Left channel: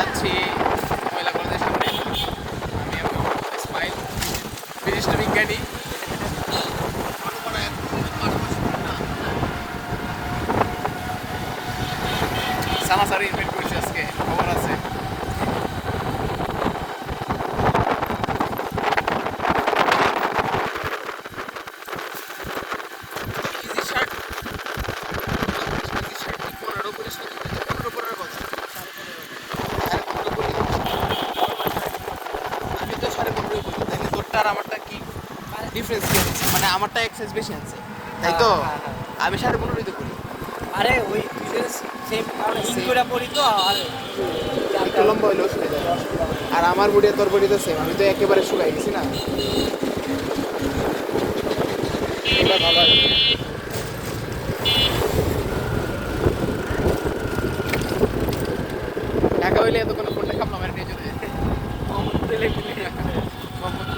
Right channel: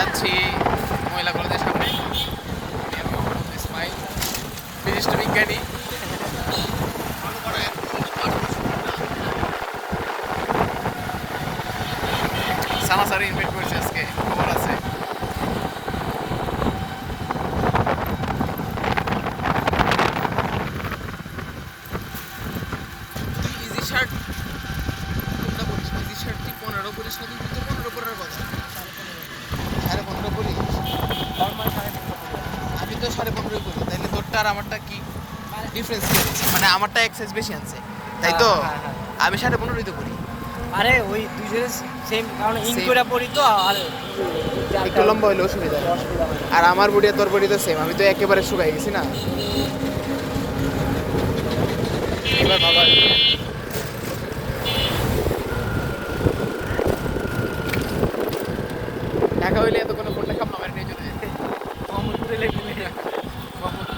যাচ্ছি মহিলা কলেজের সামনে। স্মাইল রেজিস্টারিং গাড়ি। সানাসারি ইনভাইট করছি আজকে, খবর আছে। ইজি শার্ট, ইজি শার্ট কি 15 করে, 15 পরের কথা, 15.5 করি। আমি তো 15.5 করি, তাইলে তোরটা আর আমারটা কি ডিফারেন্স কি আছে? মানে আমারটা এক সাইজ বেশি আছে, তাই তো? আমি 15.5 তো করি। আরে ওই তুই সেম আমরা ইন করে পড়ি তো আর একটু লম্বা হইলে অসুবিধা হয়। আর আমার বডি আর তোর বডি তো সেম, আমি তো একেবারে শুকাই গেছি না। এবার ভাবা ঢাকা হইলে এত কোনো কোনটা খাম না, আমার নিয়ে যেতে মোহাম্মদপুরে লেগে মোহাম্মদ